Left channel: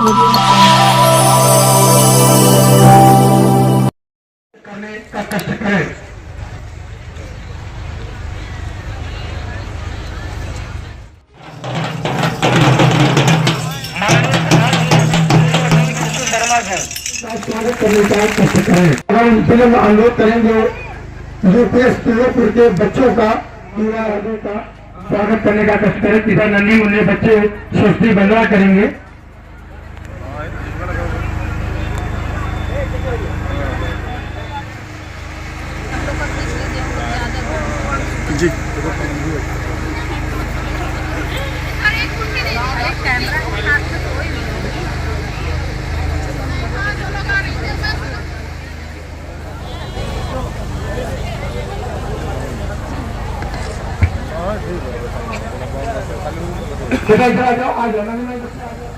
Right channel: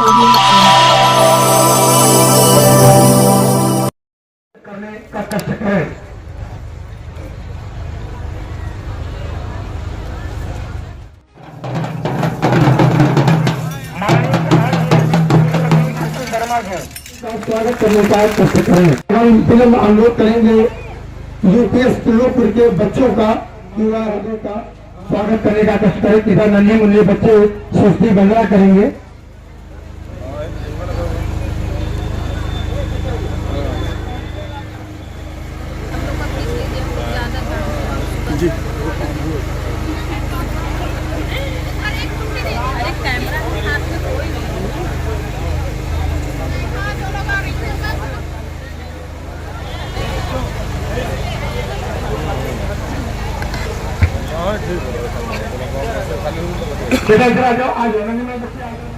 करने का कष्ट करें। स्वागत करने का कष्ट करें। हम उनके लिए अनुरोध करेंगे यूपीएस पीरोपुर के बच्चों का युवा का स्वागत करने का कष्ट करें। पिता नन्ही मुन्ने बच्चे सस्ती बंदरा करेंगे। जी बेटा इधर आ जाओ, आ जाओ ना, मैं बच्चे आ जाओ।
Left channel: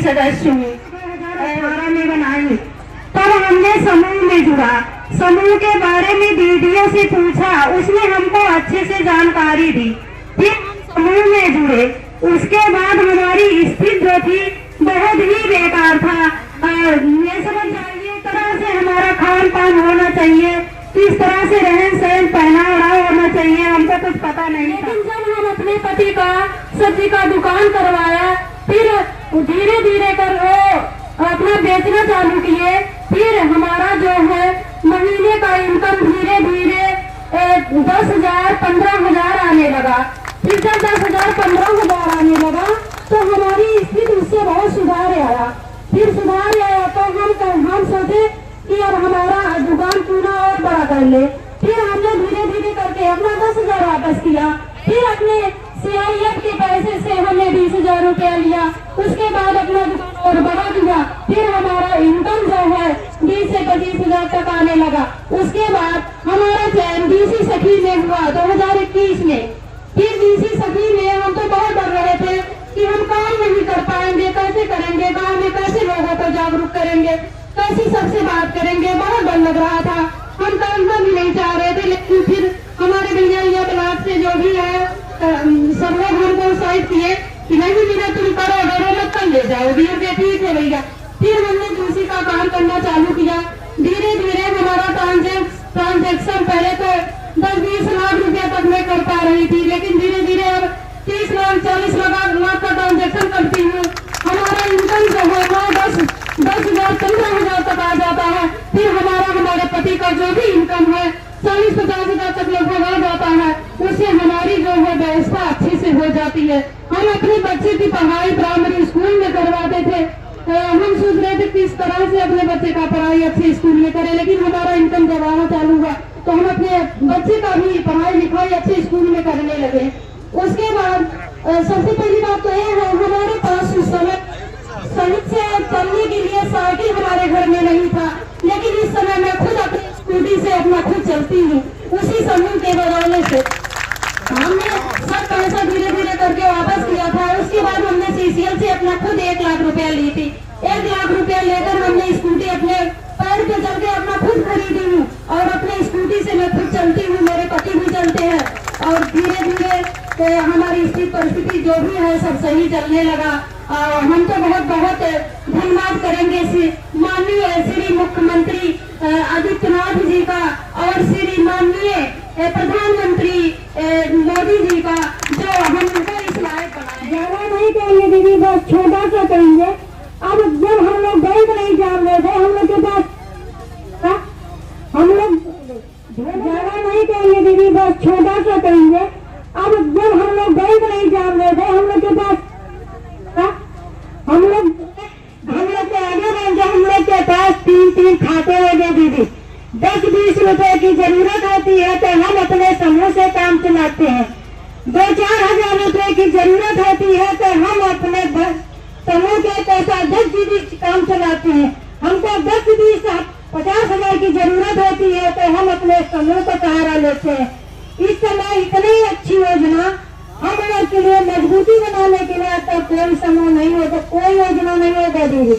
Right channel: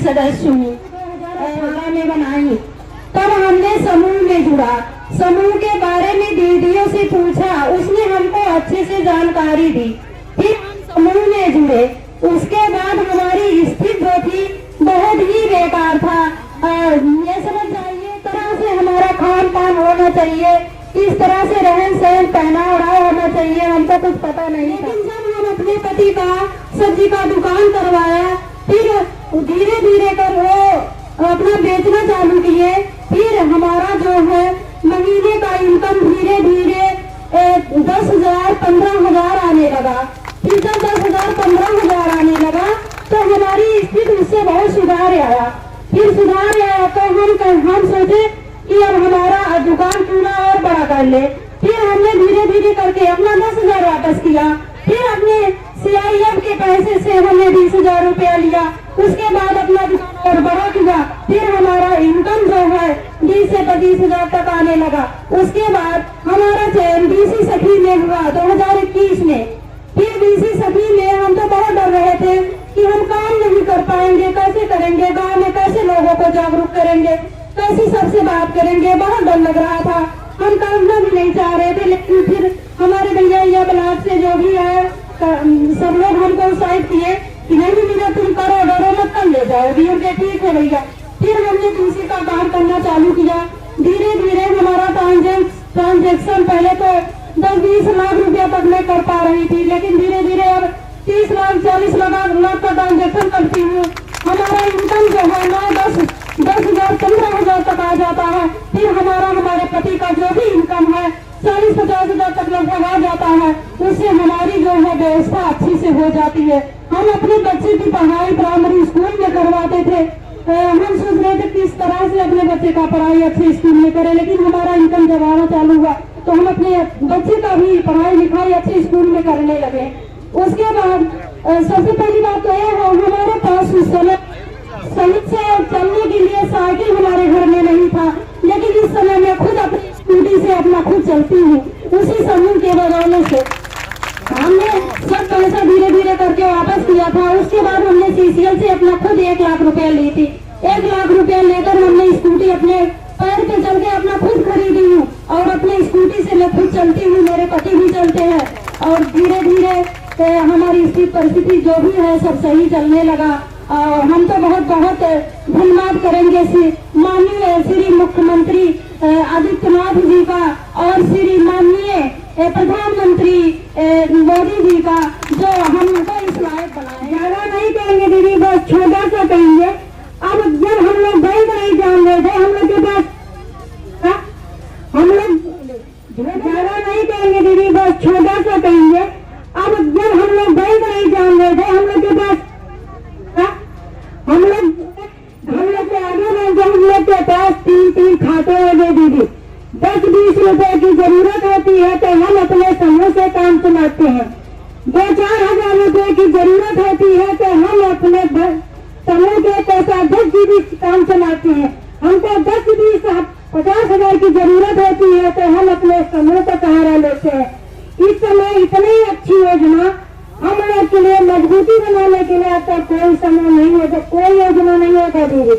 सदस्य हूँ 2018 में बनाई। तब हमने समूह में जुड़ा, समूह के बारे में दीदियों से पूछा, उसने हमको अच्छे से जानकारी दी। फिर हम समूह में जुड़े। उसके बाद हमारी स्थिति जो थी बहुत ही बेकार था। ये समझ जाइए तरह से हमारा खान पान होना चाहिए, किस तरह से रहन सहन पहना ओढ़ा होना चाहिए, हमको कुछ पता नहीं था। लेकिन जब हम अपने पति का सब्जी का दुकान करवाया, फिर धीरे धीरे कर वो अपना बेचना चालू किए। फिर हमारा जो है महीने का इनकम धीरे धीरे 10,000 15,000 आने लगा। फिर जब 10,000 15,000 आने लगा तो हमारी स्थिति उससे बहुत सुधार आया। फिर सुधार आया तो हम सोचे कि अब हमारा दुकान पूरा और बड़ा कर ले। फिर हमने धीरे धीरे करके अपना 10,000 वापस किया। फिर अपने CIF के पैसे से हमने 20,000 रुपया लिया। उसके बाद अपना दुकान और बड़ा किया। फिर हमारा इनकम जो है 20 से 25,000 तक आने लगा। उसके बाद हमारा चयन BC सखी में हुआ 2021 में। फिर BC सखी में हम तो बहुत डर रहे थे कि हम काम नहीं कर पाएंगे, कैसे करेंगे, गाँव में कैसे लोगों को जागरूक करेंगे, कैसे सबसे बात करेंगे, बहुत डर लग रहा था। हम करना भी नहीं चाह रहे थे। लेकिन फिर हमारे भैया या ब्लॉक से जो भी है सब लोग हमको उत्साहित किए कि नहीं भैया तुम करो, डरो मत, कर ले जाओ धीरे, ठीक है भैया। फिर हमने कृषि का काम करना चालू किया। धीरे धीरे हमारा ट्रांजेक्शन पहले तो 10-20 लाख रुपया तक मैं कर पा रही थी, लेकिन धीरे धीरे अब 30 लाख 40 लाख का ट्रांजेक्शन करती हूँ। हमारा इनकम जो है 10,000 15,000 तक आ जाता है। फिर हमारे पति का जो भी इनकम है 40-50 हजार तक लगभग आ जाता है। उससे हमारी जो है व्यवस्था अच्छी से हो जाती है। हम अपने बच्चे की पढ़ाई प्राइमरी स्कूल में करवाते थे। हम सोच रहे थे किस तरह से अपने बच्चे का पढ़ाई अच्छे स्कूल में करें, लेकिन हमारा इनकम जब आना चालू हुआ तो हम अपने बच्चे का भी पढ़ाई लिखाई अच्छे स्कूल में करने लगे। उसके बाद सबसे पहली बात तो यह है हमारे पास उस समय सड़क से चलने के लिए साइकिल हमारे घर में नहीं था, लेकिन इस समय मैं खुद अपनी स्कूटी से अपना खुद चलती हूँ, उसी समूह के बदौलत से। हमने सब पैसा धीरे धीरे करके वापस किया था। उसके बाद हमने सीसीएल से अपना खुद 1 लाख रुपया ली थी। 1 लाख रुपया लेकर हमने स्कूटी अपने पैर पे चल के अपना खुद खरीदी हूँ और अपने स्कूटी से मैं खुद चलती हूँ, मेरे पति भी चलते हैं और धीरे धीरे हमारी स्थिति परिस्थिति जो भी है सब सही चलने लगा। हम तो बहुत बहुत धन्यवाद करेंगे माननीय श्री मुख्यमंत्री आदित्यनाथ जी का और श्री माननीय प्रधानमंत्री मोदी जी का, जो हमको इस लायक बनाए। ज्यादा नहीं कहेंगे दीदी, बस छोटा सा कहेंगे। अब जब हम लोग बैंक नहीं जान रहे थे, हम लोग के पास हम लोग ज्यादा नहीं कहेंगे दीदी, बस छोटा सा कहेंगे। अब जब हम लोग बैंक नहीं जान रहे थे, हम लोग के पास हम लोग के आगे में जब हम लोग के पास 3 खाते लगे दीदी, 10-20 रुपए की जरूरत होती है तो हम अपने समूह से काम चलाते हैं। 2-4 हजार रुपए की जरूरत होती है तो हम अपने समूह के पैसा 10 जीबी काम चलाते हैं। हमको 10-20-50 हजार की जरूरत होती है तो हम अपने समूह का सहारा लेते हैं। इस समय इतनी अच्छी योजना हम लोग के लिए मजबूती बनाने के लिए आता कोई समूह नहीं होता, कोई योजना नहीं होता दीदी।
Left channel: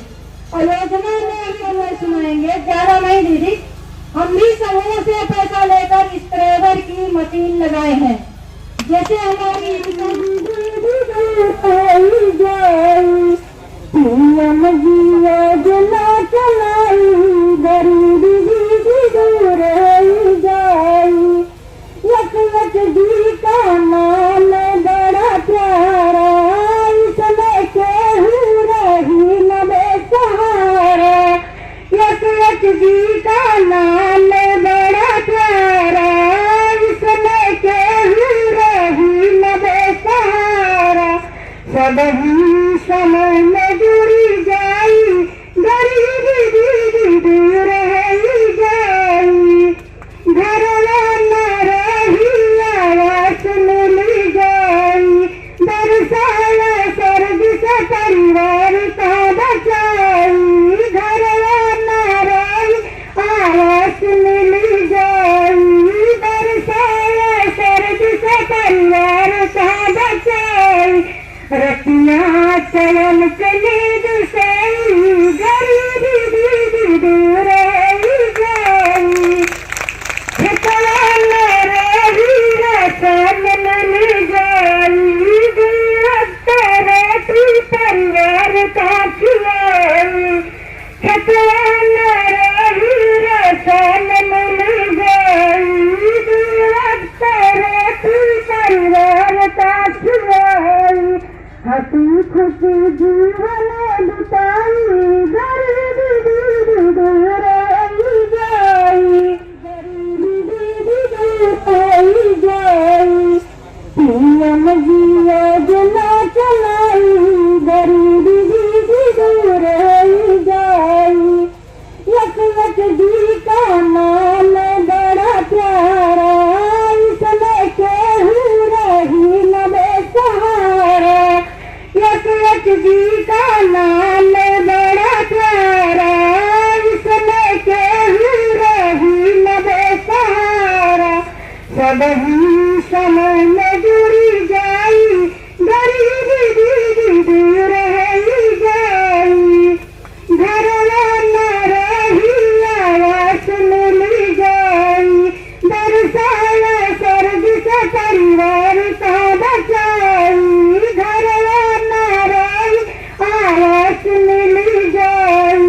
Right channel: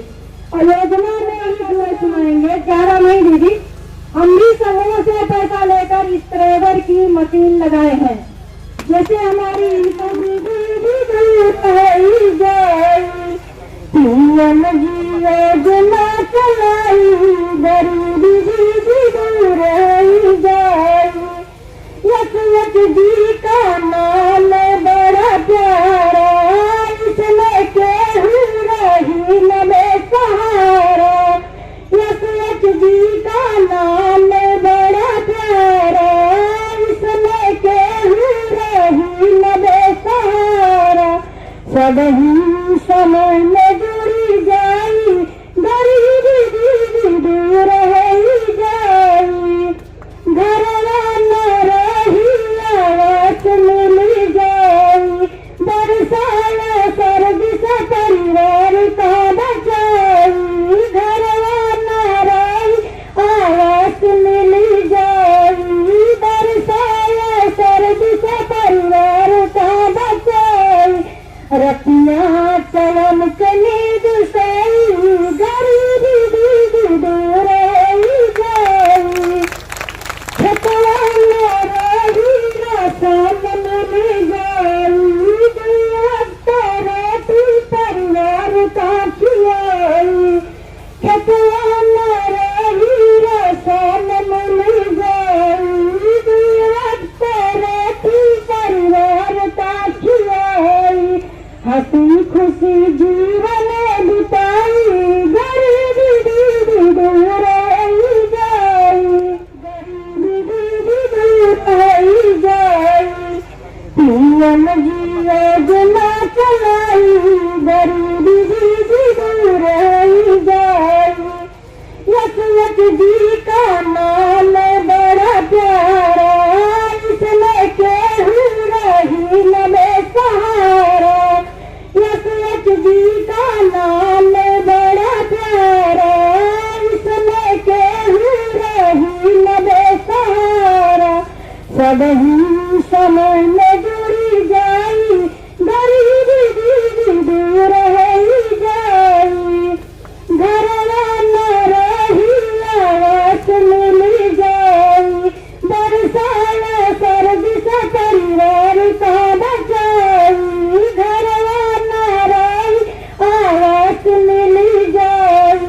और योजना में अभी हम सुनाएंगे, ज्यादा नहीं दीदी। हम भी समूह से पैसा लेकर स्प्रेयर की मशीन लगाए हैं। जैसे हमारी जी का नाम बड़ा प्यारा, इसमें केहू रही न बेसहारा। यशवंत जी का नाम बड़ा प्यारा, इसमें केहू रही न बेसहारा। सब हम समय में जुड़ी जाई, गरीबी दीदी दूर रही जाई। घर न रही आवास मिल जाई, बरसाया सर्द से परिवार का बचाई। घर न रही आवास मिल जाई, बरसाया सर्द से परिवार का बचाई। रतिया चलन चले दुसई, गरीबी दीदी दूर रही जाई। खेतवा न रही रसन मिल जाई, परिवार का खिलाई। खेतवा न रही रसन मिल जाई, परिवार का खिलाई। हंसी खुशी जीवन बिताई, गरीबी दीदी दूर रही जाई। गरीबी दीदी रही जाई। पीएम जी योजना चलाई, गरीबी दीदी दूर रही जाई। यशवंत जी का नाम बड़ा प्यारा, इसमें केहू रही न बेसहारा। यशवंत जी का नाम बड़ा प्यारा, इसमें केहू रही न बेसहारा। सब हम समय में जुड़ी जाई, गरीबी दीदी दूर रही जाई। घर न रही आवास मिल जाई, बरसाया सर्द से परिवार का बचाई। घर न रही आवास मिल जाई,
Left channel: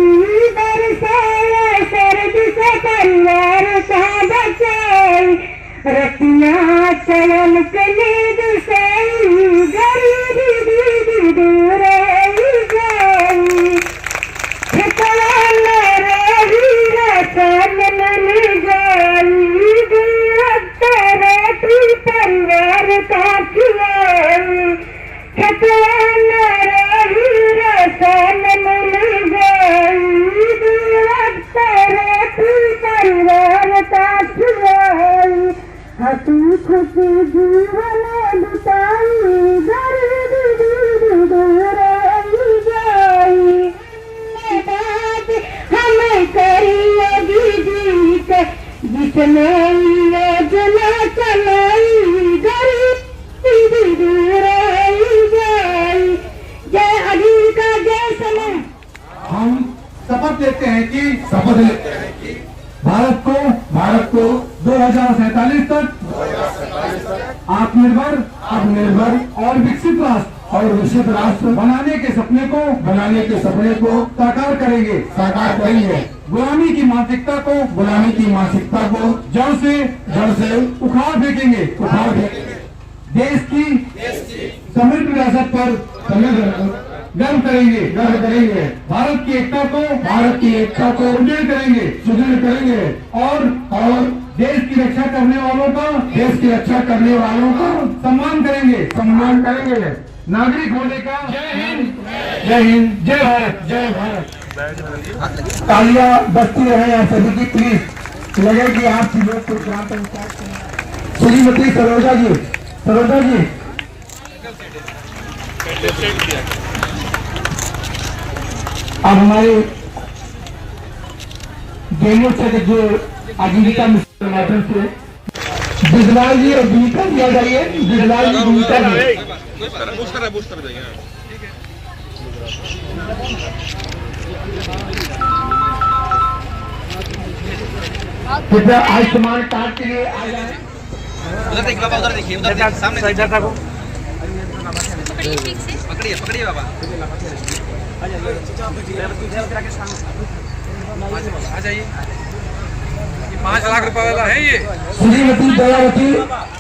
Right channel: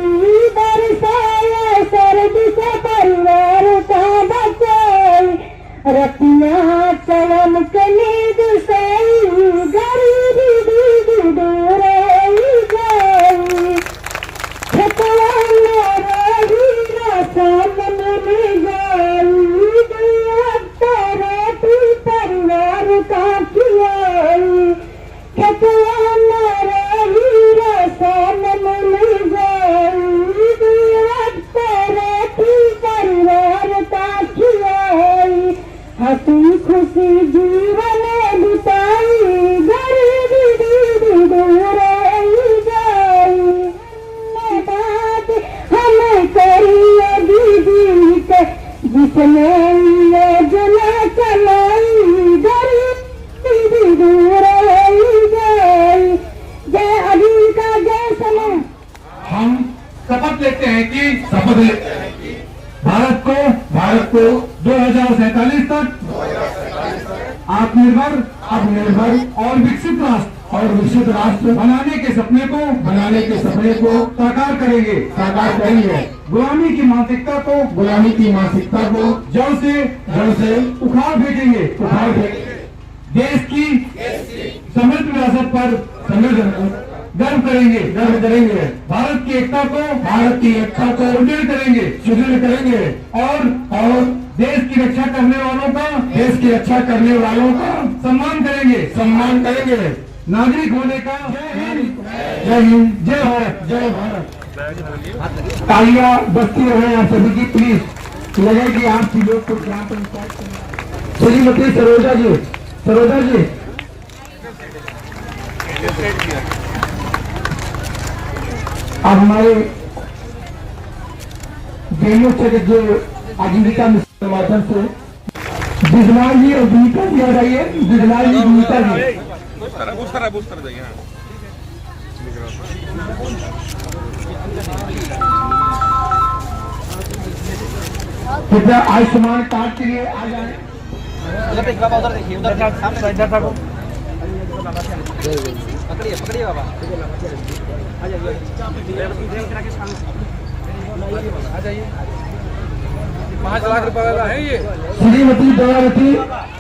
बरसाया सर्द से परिवार का बचाई। रतिया चलन चले दुसई, गरीबी दीदी दूर रही जाई। खेतवा न रही रसन मिल जाई, परिवार का खिलाई। खेतवा न रही रसन मिल जाई, परिवार का खिलाई। हंसी खुशी जीवन बीच में योजना चलाई गरीबी दूर गई। जय अली का जय समय। हम शपथ लेते हैं कि भारत को 2047 तक आत्मनिर्भर, अपनिर्भर और विकसित राष्ट्र बनाने के सपने को साकार करेंगे। गुलामी की मानसिकता को जड़ से उखाड़ फेंकेंगे। देश की समृद्ध विरासत पर गर्व करेंगे। भारत की एकता को सुदृढ़ करेंगे और देश की रक्षा करने वालों का सम्मान करेंगे। नागरिक होने का जय हिंद, जय भारत। तालियां बजती रहे आप सभी की, प्लीज लगे कि आपकी लोग को ग्राम पंचायत श्रीमती सरोजा जी अब हमारे गेमों से जो आजीविका मिशन के माध्यम से बिजलाल जी और भूमिका जी आ जाइए। बिजलाल जी, भूमिका जी। कृपया आयुष्मान कार्ड के लिए आ जाए। उधर देखिए बाबा, उधर देखिए, सामने पकड़िए बाबा। आ जाइए। 5 लाख रुपए वाला है ये। श्रीमती दयावती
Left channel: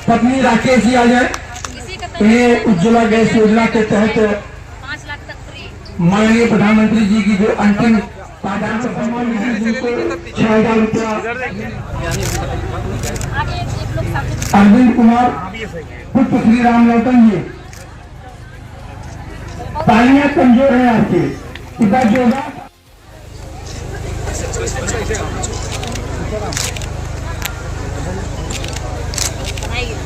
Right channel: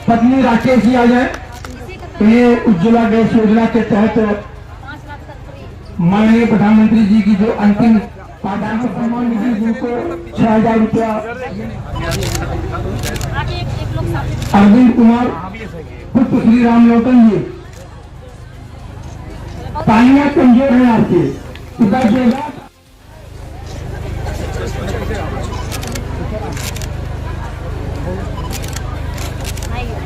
पत्नी राकेश जी आ जाए। ये उज्ज्वला गैस योजना के तहत 5 लाख तक फ्री। माननीय प्रधानमंत्री जी की जो अंतिम पायदान सम्मान निधि जिनको 6,000 रुपया आगे एक लोग साथ अरविंद कुमार पुत्र श्री राम लोटन जी। तालियां कमजोर है आपकी, इधर जो है बनाइए।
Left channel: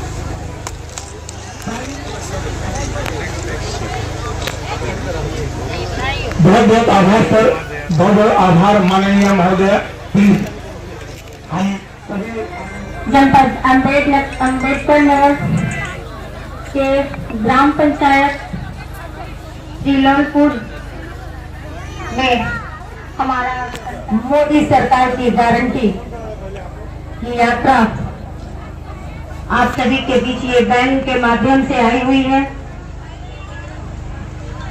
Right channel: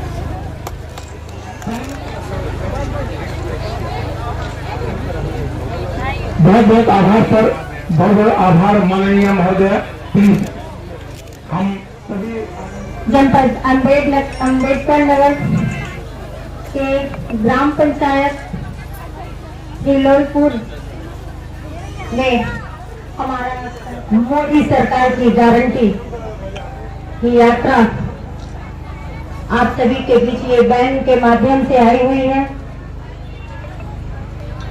बहुत बहुत आभार सर, बहुत बहुत आभार माननीय महोदय। प्लीज हम सभी जनपद अम्बेडकर नगर के ग्राम पंचायत श्रीलोलपुर में हमारा मोदी सरकार की गारंटी की यात्रा आप सभी के बीच ये बैन के माध्यम से आई हुई है।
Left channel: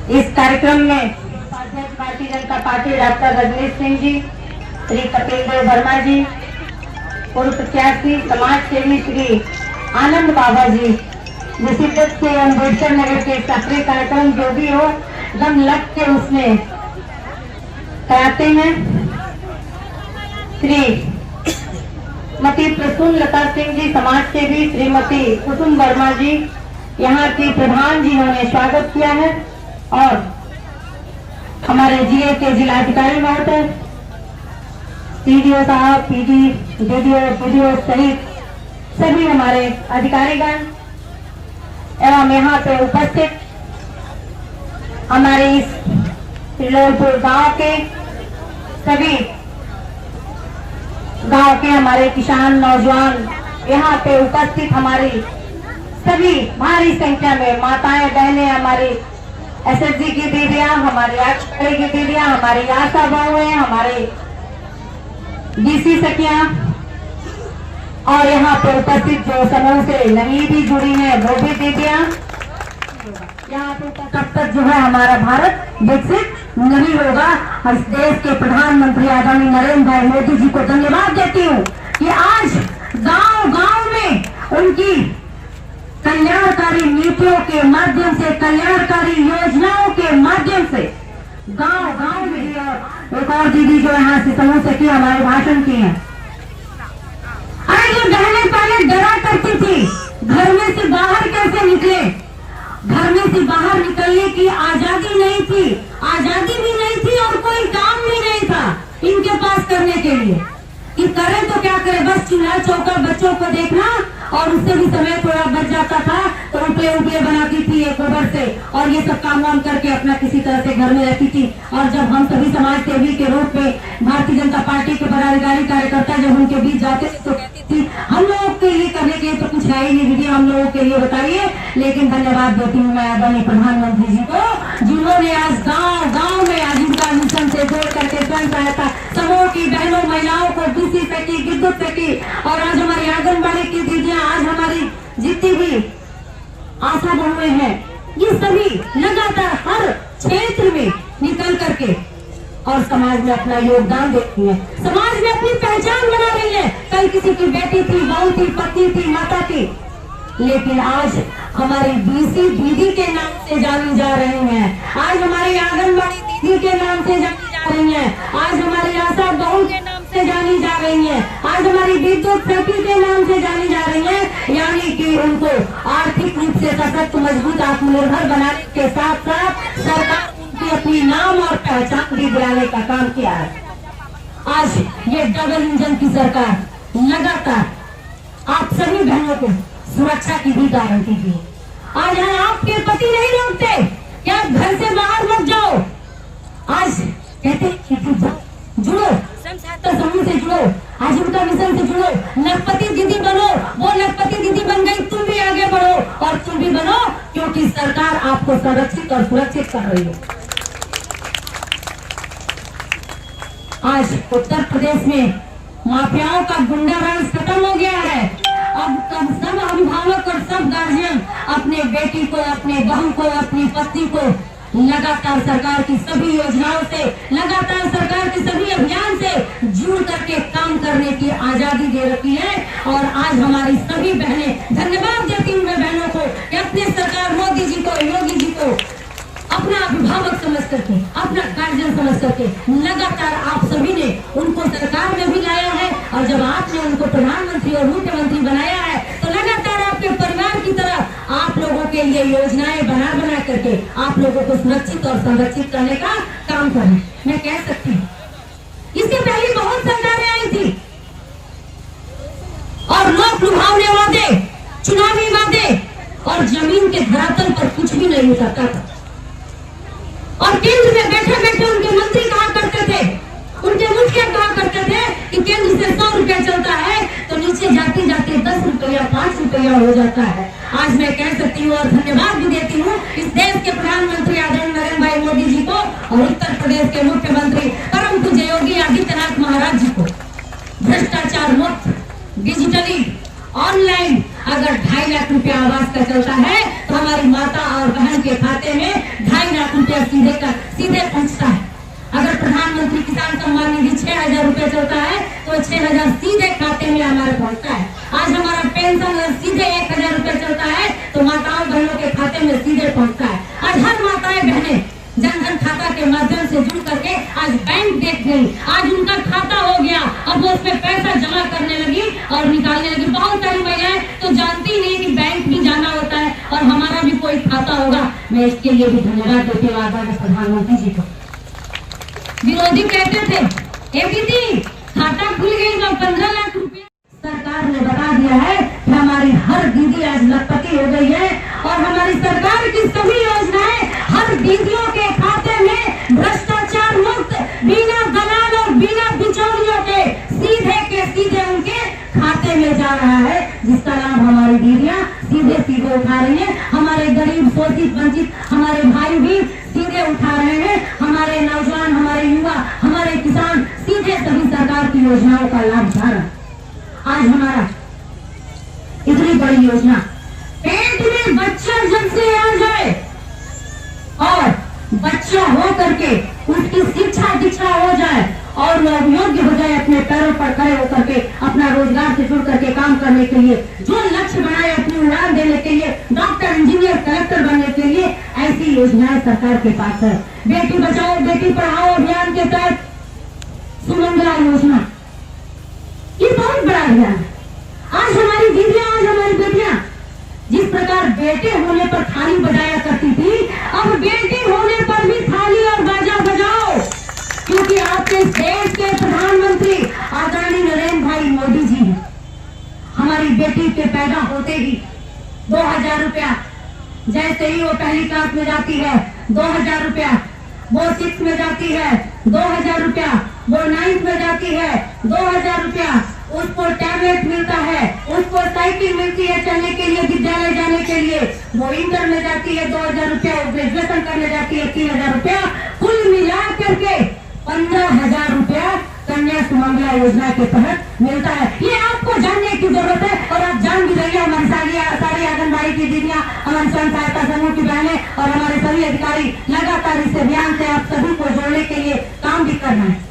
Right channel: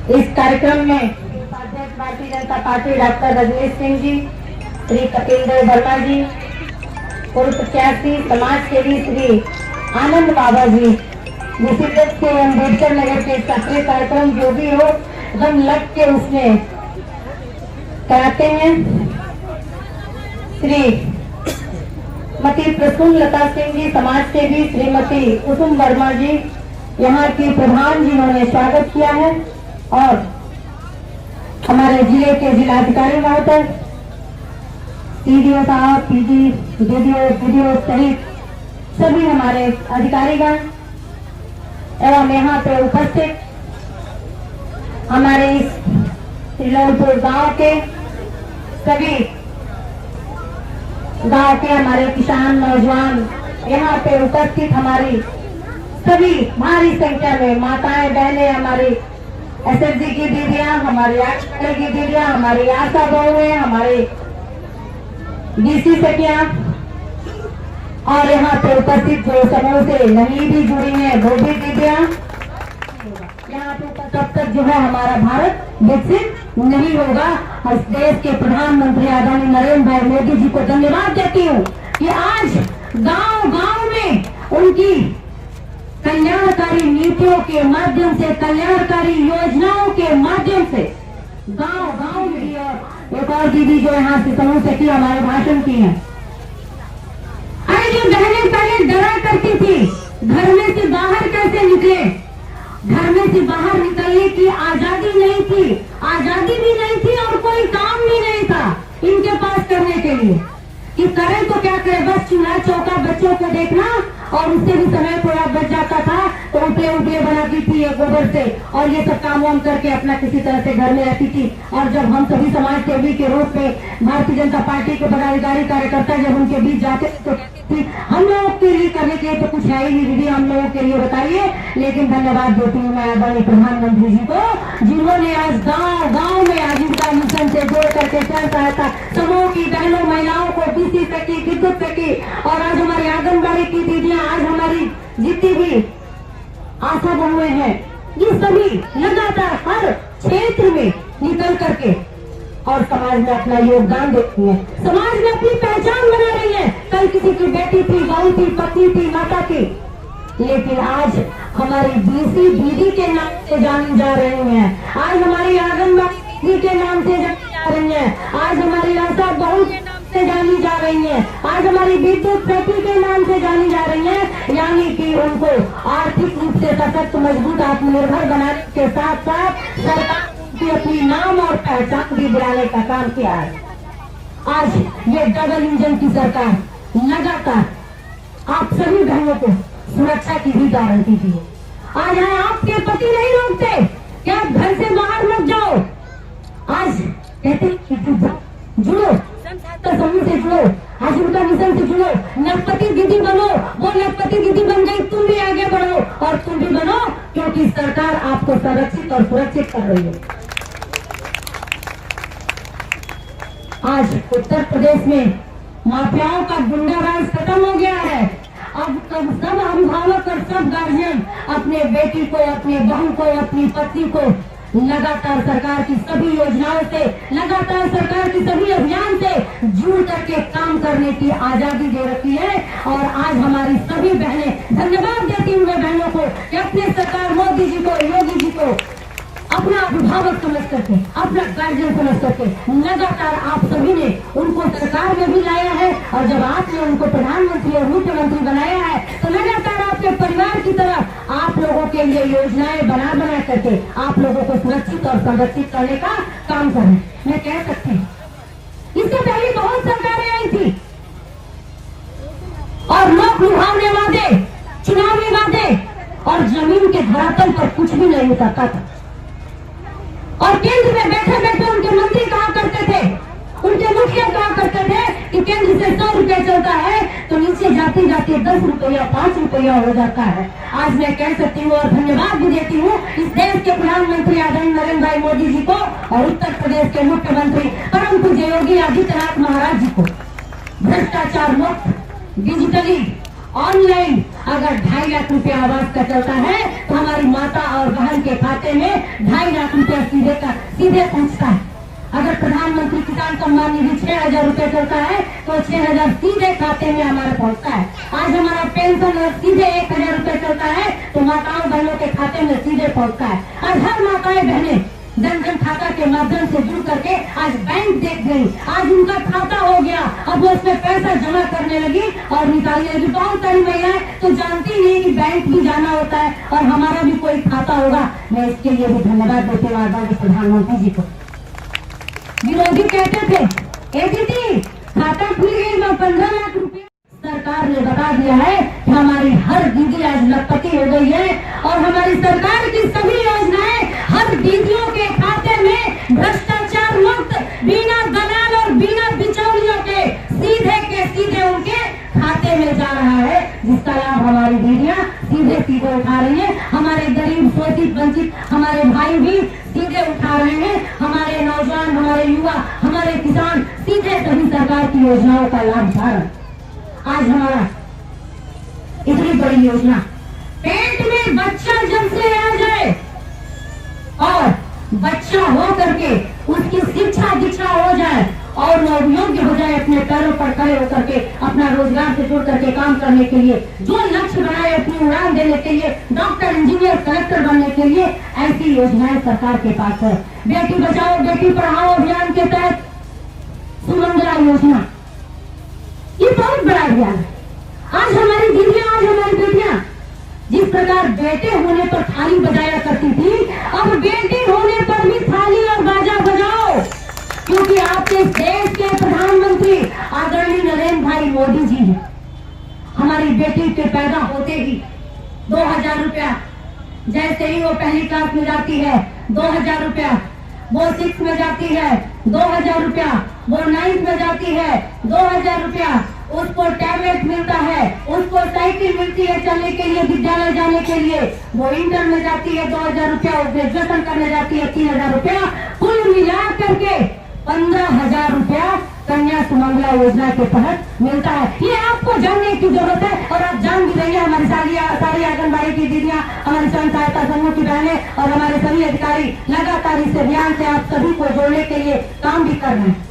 इस कार्यक्रम में अध्यक्ष भारतीय जनता पार्टी डॉक्टर रजनीश सिंह जी, श्री कपिल देव वर्मा जी, पूर्व प्रत्याशी समाज सेवी श्री आनंद बाबा जी, मुसीबत के अम्बेडकर नगर के सक्रिय कार्यक्रम जो भी हो एकदम लग के उसमें कराते हैं। श्रीमती प्रसून लता सिंह जी, समाज सेवी, श्रीमती कुसुम वर्मा जी, यहाँ की प्रधान जी ने स्वागत किया है और हमारे जिले के जिलाधिकारी महोदय, सीडीओ साहब, पीडी, डीडीओ सहित सभी हमारे अधिकारीगण एवं यहाँ पे उपस्थित हमारे इस श्रीलोलपुर गांव के सभी गांव के हमारे किसान नौजवान, यहाँ पे उपस्थित हमारी सभी भारी संख्या में माताएं बहनें, हमारी एसएसजी की दीदियां, हमारी आंगनबाड़ी की दीदियां, हमारी आशा बहुएं, हमारे डीसी सखियां और यहाँ पे उपस्थित जो समूह से नवी भी जुड़ी है वो भी दीदियां। यहाँ पे तब तक जो है हमारा भारत विकसित नहीं होगा। इस देश के प्रधानमंत्री आदरणीय नरेंद्र भाई मोदी जी को धन्यवाद देती हूँ कि आज गांव गांव में उनकी कल्याणकारी नीतियों के माध्यम से, कल्याणकारी योजनाओं के माध्यम से गांव गांव में ही, और एक और दीदी जो यहाँ से समूह से की हमारे भाषण की है। अरे जो बहनें पहले डरा करती थी घर में से बाहर कैसे निकले, घर में से बाहर निकलने की आजादी नहीं थी, आजादी भी नहीं थी और कोई काम भी नहीं था इनके पास करने के लिए कि करें तो क्या करें, बस चूल्हा चौका बच्चों को देखना और उससे भी समय थोड़ा बच जाता था तो उपले उपले बनाती थी ये गोबर से, और ये सब काम वाम करके अपना किसी तरह से घर में रहती थी। और जब हम सभी समाज सेवी के रूप में भारतीय जनता पार्टी के पदाधिकारी कार्यकर्ता जब उनके बीच जाते थे तो कहती थी हम लोगों के लिए करने के लिए तो कुछ है ही नहीं दीदी, हम लोगों के लिए बताइए। लेकिन धन्यवाद देती हूँ मैं आदरणीय प्रधानमंत्री जी को, जिन्होंने आज गाँव गाँव में आजीविका मिशन से जोड़ करके स्वयं सहायता समूह की बहनों महिलाओं को कृषि से की, विद्युत से की, और आज हमारी आंगनबाड़ी की दीदियां, आज हमारी जितनी भी आशा बहुएं हैं, ये सभी लगातार हर क्षेत्र में निकल करके और समाज में अपना योगदान देती है, समाज में अपनी पहचान बना रही है। कल किसी की बेटी थी, बहू थी, पत्नी थी, माता थी, लेकिन आज हमारी बीसी दीदी के नाम से जानी जा रही हैं। आज हमारी आंगनबाड़ी दीदी के नाम से जानी जा रही हैं। आज हमारी आशा बहू के नाम से जानी जा रही हैं। आज हमारी विद्युत सखी के नाम से जानी जा रही हैं। यानी कि उनको आर्थिक रूप से सशक्त, मजबूत, आत्मनिर्भर बनाने के साथ साथ सरकार उनकी अपनी नाम और पहचान भी दिलाने का काम किया है। आज ये डबल इंजन की सरकार लगातार आप सभी बहनों को सुरक्षा की भी गारंटी दी है। आज आपके पति नहीं रोकते कि आप घर से बाहर मत जाओ, आज कहते कि जाओ, जुड़ो, स्वयं सहायता समूह से जुड़ो, आजीविका मिशन से जुड़ो, लखपति दीदी बनो। वो लखपति दीदी बन गई, तुम भी आगे बढ़ो और तुम भी बनो, क्योंकि सरकार आपको संरक्षित और सुरक्षित कर रही है। आज उत्तर प्रदेश में माफियाओं का गुंडा राज खत्म हो गया है। अब सब अभिभावक और सब गार्जियन अपने बेटी को, अपने बहू को, अपनी पत्नी को लगातार सरकार की सभी योजनाओं से, लगातार सरकार के सभी अभियान से जुड़ करके काम करने की आजादी दे रखी है। और आज हमारी सभी बहनें, धन्यवाद देती हूँ मैं बहनों को कि अपने सरकार मोदी जी को, योगी जी को अपना अभिभावक समझ करके, अपना गार्जियन समझ करके लगातार आप सभी ने उनको सरकार में भी लाया है। और जब आपने उनको प्रधानमंत्री और मुख्यमंत्री बनाया है तो लगातार आपके परिवार की तरह आप लोगों के लिए योजनाएं बना करके आप लोगों को सुरक्षित और संरक्षित करने का काम करें। मैं कह सकती हूँ इससे पहले बहुत सरकारें आई थी और लोक लुभावने वादे, चुनावी वादे, और जमीन के धरातल पर कुछ भी नहीं उतरता था। और केंद्र में बैठे बैठे उनके मंत्री कहा करते थे, उनके मुखिया कहा करते थे कि केंद्र से 100 रुपया चलता है तो नीचे जाते जाते 10 रुपया, 5 रुपया हो जाता है। आज मैं कह सकती हूँ और धन्यवाद भी देती हूँ इस देश के प्रधानमंत्री आदरणीय नरेंद्र भाई मोदी जी को और उत्तर प्रदेश के मुख्यमंत्री परम पूज्य योगी आदित्यनाथ महाराज जी को। भ्रष्टाचार मुक्त, डिजिटली, ऑनलाइन अगर 2.5 लाख रुपया आवास का चलता है तो हमारी माता और बहन के खाते में 2.5 लाख रुपया सीधे पहुंचता है। अगर प्रधानमंत्री किसान सम्मान निधि 6,000 रुपया चलता है तो 6,000 सीधे खाते में हमारे पहुंचता है। आज हमारा पेंशन अगर सीधे 1,000 रुपया चलता है तो माताओं बहनों के खाते में सीधे पहुंचता है। आज हर माताएं बहनें जनधन खाता के माध्यम से जुड़ करके आज बैंक देख गई, आज उनका खाता हो गया, अब वो उसमें पैसा जमा करने लगी और निकालने लगी। बहुत सारी महिलाएं तो जानती नहीं कि बैंक भी जाना होता है और हमारा भी कोई खाता होगा। मैं इसके लिए भी धन्यवाद देती हूँ आदरणीय प्रधानमंत्री जी को। विरोधी कहते थे ए दीदी खाता खुल गई 15 लाख रुपया, सरकार ने बता दिया है कि हमारी हर दीदी आज लखपति हो गई है और हमारी सरकार की सभी योजनाएं हर दीदियों के खाते में भ्रष्टाचार मुक्त, बिना दलाल और बिना बिचौलियों के सीधे उनके खाते में जा रहा है, जिसका लाभ हमारी दीदियां सीधे उठा रही है। हमारे गरीब, शोषित, वंचित हमारे भाई भी सीधे उठा रहे हैं। हमारे नौजवान, हमारे युवा, हमारे किसान सीधे सभी सरकार की योजनाओं का लाभ उठा रहे हैं। आज हमारा इतनी बड़ी योजना, पेट में बच्चा जब से आ जाए और बच्चा हो करके उसकी शिक्षा दीक्षा हो जाए और वह योग्य हो जाए अपने पैरों पर खड़े होकर के अपना रोजगार से जुड़ करके काम करने के लिए, जो लक्ष्य बनाए अपनी उड़ान देने के लिए, डॉक्टर, इंजीनियर, कलेक्टर बनने के लिए, ऐसी योजनाएं सरकार के पास है। बेटी बचाओ बेटी पढ़ाओ अभियान के तहत सुमंगला योजना, ये बहुत बड़ा अभियान है। आज हमारी दीदियां, आज हमारी बेटियां जिस प्रकार बेटे होने पर थाली बजाया करती थी, अब बेटी होने पर भी थाली और बाजा बजाओ, क्योंकि आपके देश के प्रधानमंत्री आदरणीय नरेंद्र भाई मोदी जी हैं। हमारी बेटी के पैदा होते ही 2,000 रुपया जैसे ही वो पहली क्लास में जाती है 2000 रुपया, वो 6 में जाती है 2000 रुपया, वो 9th में जाती है 2000 रुपया, उसको टैबलेट मिलता है, उसको साइकिल मिलती है चलने के लिए, विद्यालय जाने के लिए। वो इंटर में जाती है 2000 रुपया, वो ग्रेजुएशन करने जाती है 3000 रुपया, कुल मिला करके 15,000 रुपया कन्या सुमंगला योजना के तहत मिलता है। ये आपको जानने की जरूरत है और आप जान भी रहिए। हमारी सारी आंगनबाड़ी की दीदियां, हमारी स्वयं सहायता समूह की बहनें और हमारे सभी अधिकारी लगातार इस अभियान से आप सभी को जोड़ने के लिए काम भी कर रहे हैं।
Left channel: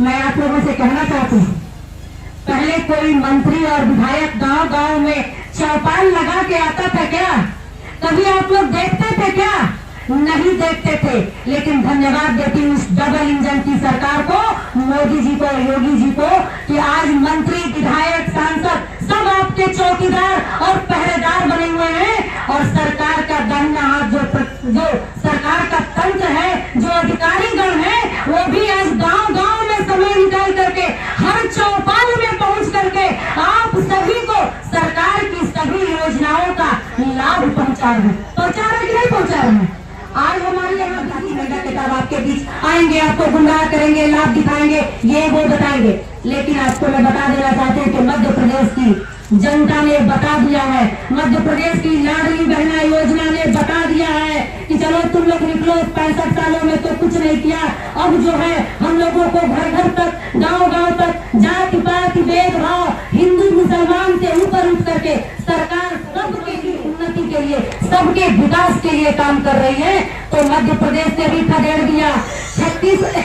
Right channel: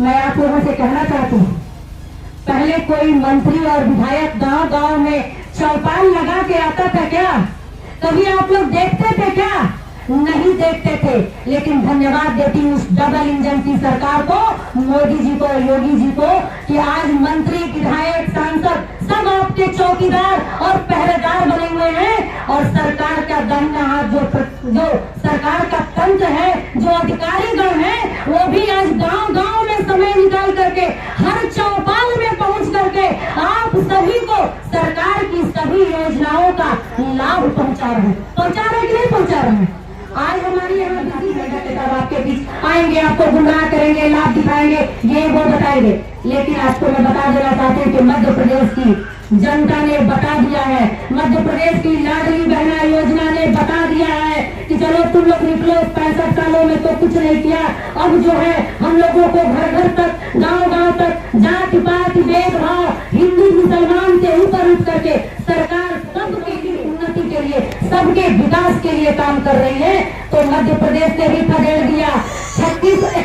मैं आप लोगों से कहना चाहती हूँ, पहले कोई मंत्री और विधायक गांव गांव में चौपाल लगा के आता था क्या? कभी आप लोग देखते थे क्या? नहीं देखते थे। लेकिन धन्यवाद देती हूँ उस डबल इंजन की सरकार को, मोदी जी को, योगी जी को, कि आज मंत्री, विधायक, सांसद सब आपके चौकीदार और पहरेदार बने हुए हैं। और सरकार का दाहिना हाथ जो सरकार का तंत्र है, जो अधिकारी गण है, वो भी आज गांव गांव में समय निकाल करके हर चौपाल में पहुंच करके आप सभी को सरकार की सभी योजनाओं का लाभ पहुंचा रहे हैं। पहुंचा रहे कि नहीं पहुंचा रहे हैं? आज हमारे यहाँ आपके बीच आएंगे, आपको गुमराह करेंगे, लाभ दिखाएंगे, ये वो बताएंगे। लेकिन आपको मैं बता देना चाहती हूँ कि मध्य प्रदेश की जनता ने बता दिया है, मध्य प्रदेश की लाडली बहना योजना ने बता दिया है कि चलो तुम लोग निकलो, 65 सालों में तो कुछ नहीं किया, अब जो है हम लोगों को घर घर तक, गांव गांव तक, जाति पाति भेदभाव, हिंदू मुसलमान से ऊपर उठ करके सरकार सबके उन्नति के लिए, सबके विकास के लिए काम कर रही है। तो मध्य प्रदेश ने भी खदेड़ दिया। 36 है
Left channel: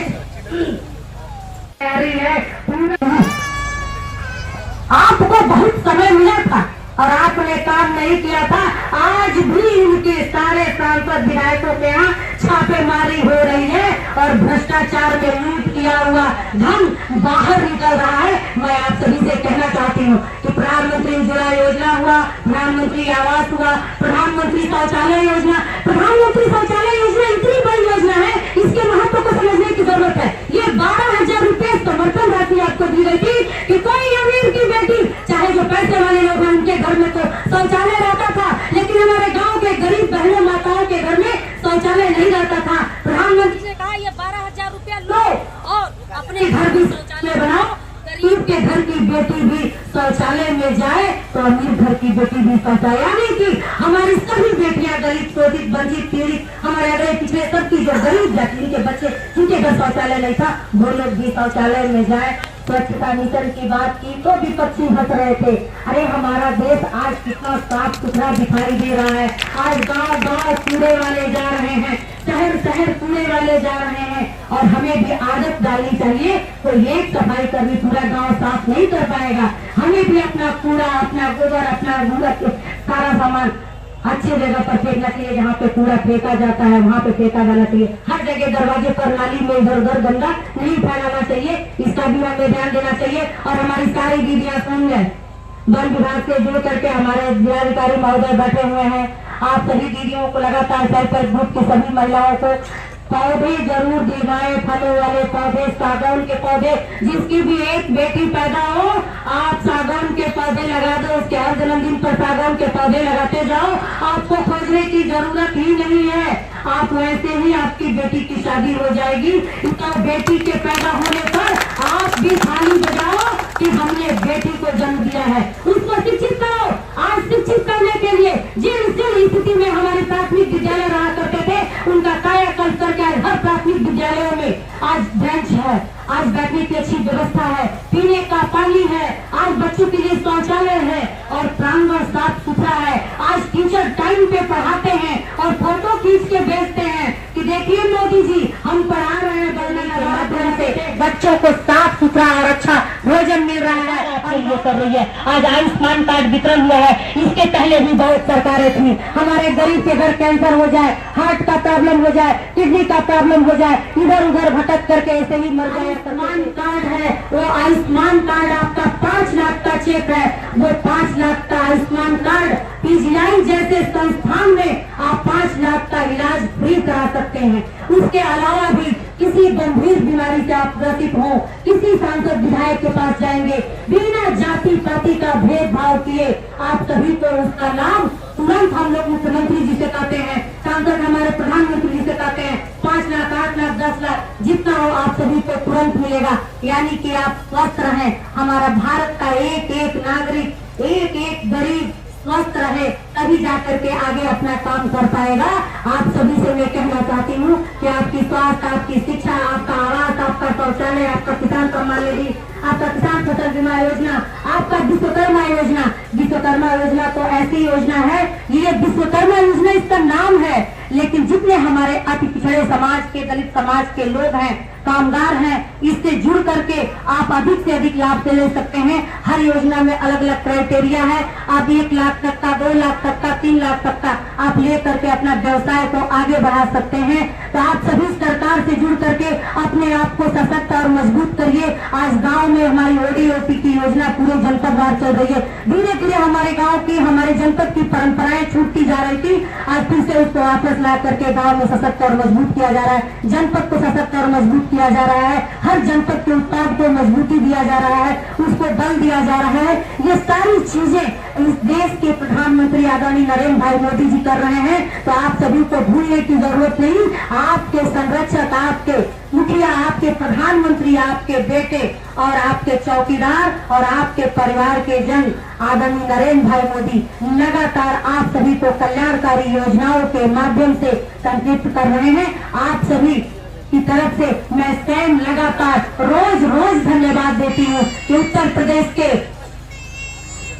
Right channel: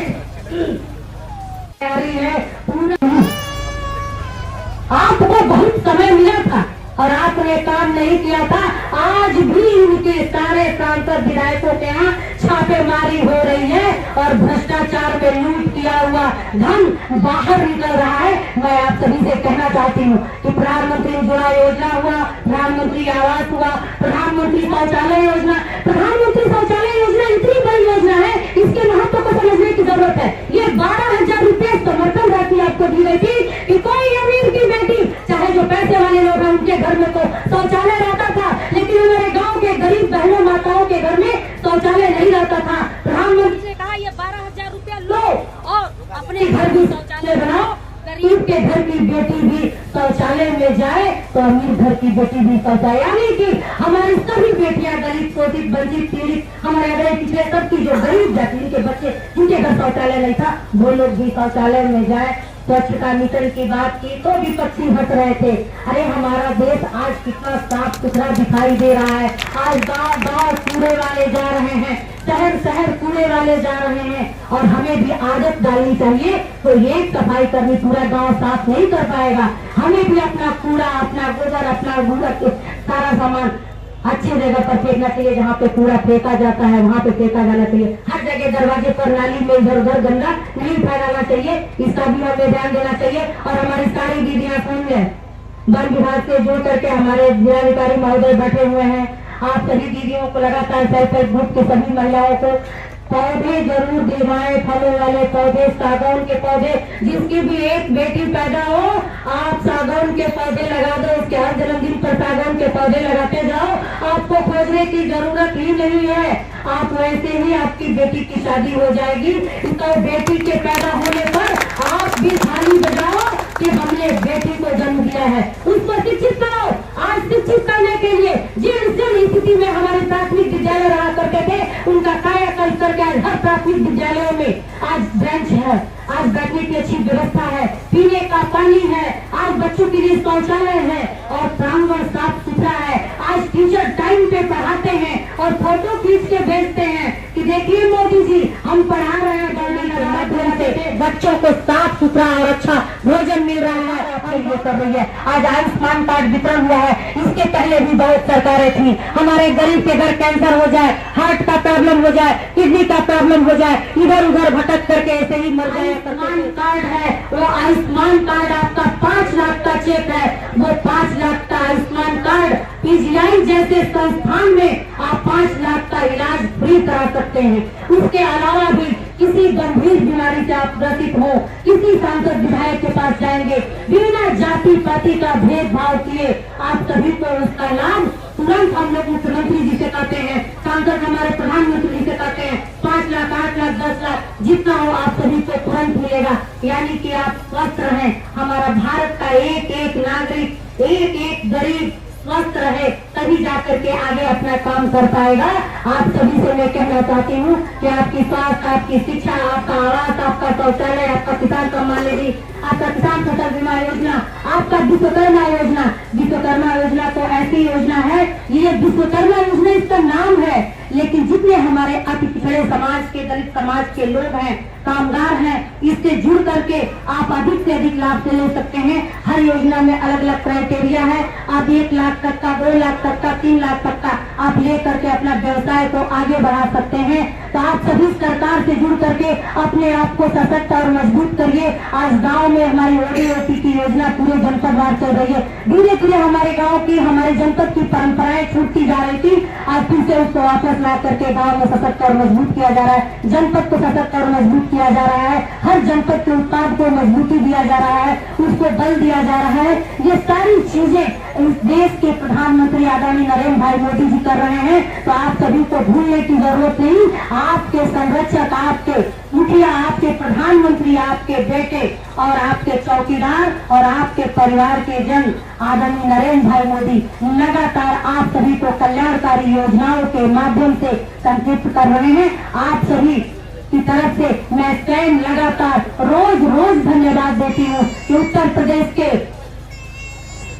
पूरा। आपको बहुत समय मिला था और आपने काम नहीं किया था। आज भी उनके सारे सांसद विधायकों के यहाँ छापेमारी हो रही है और भ्रष्टाचार में लूट किया हुआ धन बाहर निकल रहा है। मैं आप सभी से कहना चाहती हूँ कि प्रधानमंत्री उज्ज्वला योजना हुआ, प्रधानमंत्री आवास हुआ, प्रधानमंत्री शौचालय योजना, प्रधानमंत्री शौचालय योजना इतनी बड़ी योजना है, इसके महत्व को समझने की जरूरत है। ये 12,000 रुपए समर्थन राशि आपको दी गई थी कि कोई अमीर की बेटी, चाहे जो पैसे वाले लोग हैं, उनके घर में तो शौचालय रहता था, लेकिन हमारे गांव के गरीब बहनों माताओं के घर में शौचालय नहीं रहता था। प्रधानमंत्री ने कहा ये 12,000 रुपया लो और अपने घर भी शौचालय बनाओ, गरीब के घर की बेटी भी शौचालय में जाए तो अमीर घर की बेटी भी शौचालय, यानी कि हमारी सभी बेटियां दलित, शोषित, वंचित, पीड़ित, हमारे अगले पिछले सबकी जो गरीब जाति के बच्चे जिनके घर शौचालय नहीं था, वो लोग भी शौचालय में जाए। स्वच्छता मिशन की बात की तो विपक्षी हंस रहे थे। अरे हमारा देश आज कितना साफ सुथरा दिखाई दे रहा है। आज गांव गांव कूड़े वाले जा रहे हैं, शहर शहर कूड़े वाले जा रहे हैं और हमें भी आदत डालनी चाहिए। तो एक सफाई कर्मी पूरा गांव साफ नहीं कर पाएगा, हमें भी अपना कूड़ा, अपना गोबर, अपना गूंगा सारा सामान अच्छी जगह पर फेंकना चाहिए। जहाँ पे कूड़ा फेंका जाता है वहाँ पे फेंका जाना चाहिए। हर जगह दरवाजे पर, नाली में इधर उधर गंदा नहीं फैलाना चाहिए। इसका भी हमें ध्यान देना चाहिए। और हमारी सारी दीदियां सुन लें, वन विभाग से जुड़ करके हमारे जिलाधिकारी महोदय बैठे हुए हैं। आप सभी दीदियों को लगातार सेल्फ हेल्प ग्रुप की सभी महिलाओं को पौधे जरूर दिलवाएं, फलों वाले पौधे, सागौन के पौधे। जिसकी भी एक बेटी पैदा हो, आप सागौन के पौधे लगा दो, उसके हर जन्मदिन पर सागौन के पौधे लगाते जाओ। आपको खोजने की जरूरत ही नहीं है, आप वैसे ही आपकी बेटी की शादी हो जाएगी। तो बेटी के पैदा होने पर आप भी थाली बजाओ कि हमने बेटी को जन्म दिया है, उसको शिक्षित करो। आज शिक्षित करने के लिए जिन स्थिति में हमारे प्राथमिक विद्यालय रहा करते थे, उनका कायाकल्प करके हर प्राथमिक विद्यालयों में आज बेंच है, आज बैठने की अच्छी व्यवस्था है, पीने का पानी है, आज बच्चों के लिए शौचालय है और प्रांगण साफ सुथरा है। आज टीचर टाइम पे पढ़ाते हैं और फोटो खींच के भेजते हैं कि देखिए मोदी जी हम पढ़ा रहे हैं, माध्यम से बच्चों को साफ सुथरा और अच्छा भोजन मिल रहा है। ये कर रही है। आज आयुष्मान कार्ड वितरण हुआ है, इसके पहले भी बहुत सरकारें थी। हमारे गरीब के घर कैंसर हो जाए, हार्ट का प्रॉब्लम हो जाए, किडनी का प्रॉब्लम हो जाए, इधर उधर भटक करके ऐसे ही मर जाए। आयुष्मान कार्ड है, वो आयुष्मान कार्ड आपका 5 लाख का चेक है, वो 5 लाख का आयुष्मान कार्ड पीजीआई जैसे संस्थान में आप 5 लाख का इलाज फ्री करा सकते हैं। उसके अलावा भी किसी गंभीर बीमारी से आप ग्रसित हो, किसी सांसद विधायक के पास जाएंगे, बिना जाति पाति का भेदभाव किए आप सभी को उसका लाभ तुरंत हम लोग मुख्यमंत्री जी से कहते हैं, सांसद हमारे प्रधानमंत्री जी से कहते हैं 5 लाख 8 लाख 10 लाख जितना हो आप सभी को तुरंत मिलेगा। यानी कि आप स्वस्थ रहें, हमारा भारत का एक एक नागरिक, एक एक गरीब स्वस्थ रहे, तभी जाकर के आगे अपना काम कर पाएगा। आप सभी से मैं कहना चाहती हूँ कि आपकी स्वास्थ्य, आपकी शिक्षा, आपका आवास, आपका शौचालय, आपका किसान सम्मान निधि, आपका किसान फसल बीमा योजना, आपका विश्वकर्मा योजना। विश्वकर्मा योजना तो ऐसी योजना है, ये विश्वकर्मा योजना इसका नाम है, लेकिन जितने हमारे अति पिछड़े समाज के, दलित समाज के लोग हैं, कामगार हैं, इससे जुड़ करके आप अधिक से अधिक लाभ से ले सकते हैं। हर योजना में अलग अलग क्राइटेरिया है। आप 1 लाख तक का, 2 लाख तक का, 3 लाख तक का आप ले करके अपना व्यवसाय को आगे बढ़ा सकते हैं। तो आप सभी सरकार से जुड़ करके अपने आप को सशक्त और मजबूत करिए। आज गांव में हमारी ओडीओपी की योजना पूरे जनपद भर चल रही है। धीरे धीरे हमारे गांव की, हमारे जनपद की परंपराएं छूटती जा रही थी, आज फिर से उसको वापस ला करके गांव में सशक्त और मजबूत किया जा रहा है। जनपद को सशक्त और मजबूत किया जा रहा है। हर जनपद के उत्पाद को मजबूती दिया जा रहा है, उसको बल दिया जा रहा है। ये सारी चीजें इस देश के प्रधानमंत्री आदरणीय नरेंद्र भाई मोदी जी कर रहे हैं। तो आप सभी को भूलने की जरूरत नहीं। आपके संरक्षक, आपके मुखिया, आपके प्रधानमंत्री, आपके बेटे और आपके चौकीदार और आपके परिवार के जन आदरणीय नरेंद्र भाई मोदी लगातार आप सभी को कल्याणकारी योजनाओं के माध्यम से संतृप्त कर रहे हैं। आप सभी की तरफ से मैं स्वयं लगातार रोज रोज धन्यवाद देती हूँ कि उत्तर प्रदेश के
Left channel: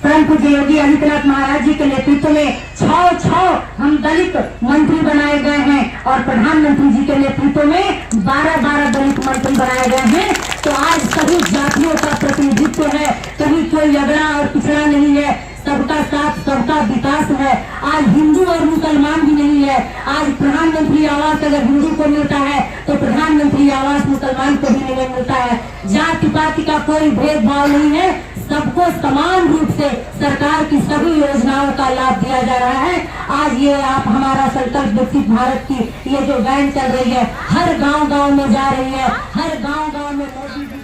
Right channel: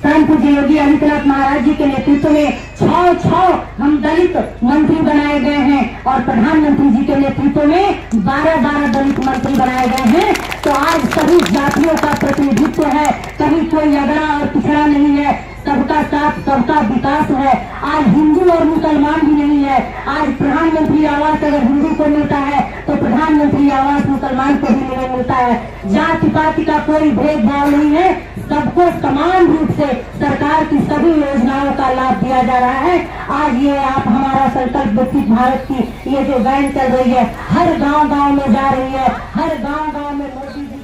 परम पूज्य योगी आदित्यनाथ महाराज जी के नेतृत्व में 6 हम दलित मंत्री बनाए गए हैं और प्रधानमंत्री जी के नेतृत्व में 12 दलित मंत्री बनाए गए हैं। तो आज सभी जातियों का प्रतिनिधित्व है, कहीं कोई अगड़ा और पिछड़ा नहीं है, सबका साथ, सबका विकास है। आज हिंदू और मुसलमान भी नहीं है। आज प्रधानमंत्री आवास अगर हिंदू को मिलता है तो प्रधानमंत्री आवास मुसलमान को भी नहीं मिलता है। जाति पाति का कोई भेदभाव नहीं है, सबको समान रूप से सरकार की सभी योजनाओं का लाभ दिया जा रहा है। आज ये आप हमारा संकल्प विकसित भारत की ये जो वैन चल रही है, हर गांव गांव में जा रही है, हर गांव गांव में मोदी जी की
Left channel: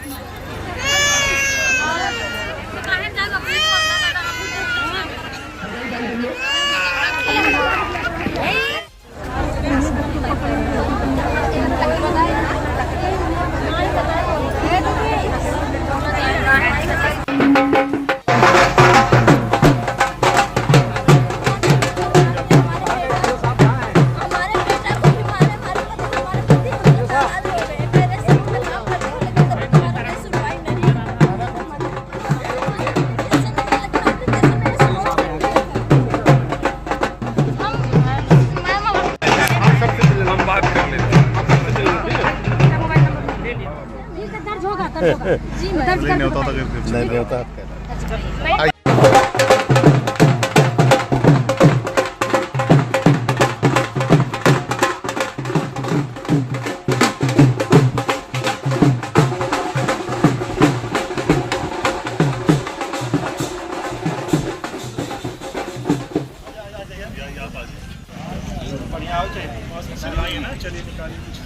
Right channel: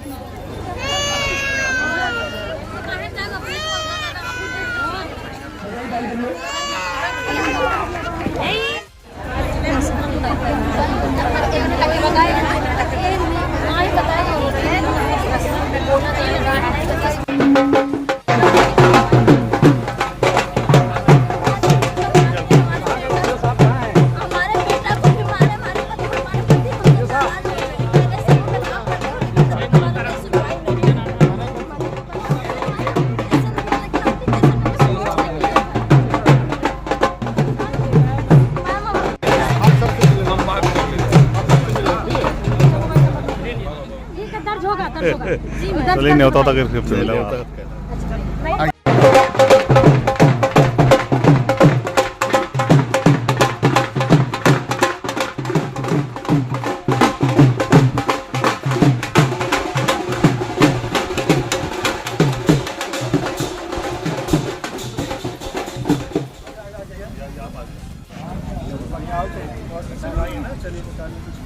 नहीं होता था कि चलिए निकालिए कुछ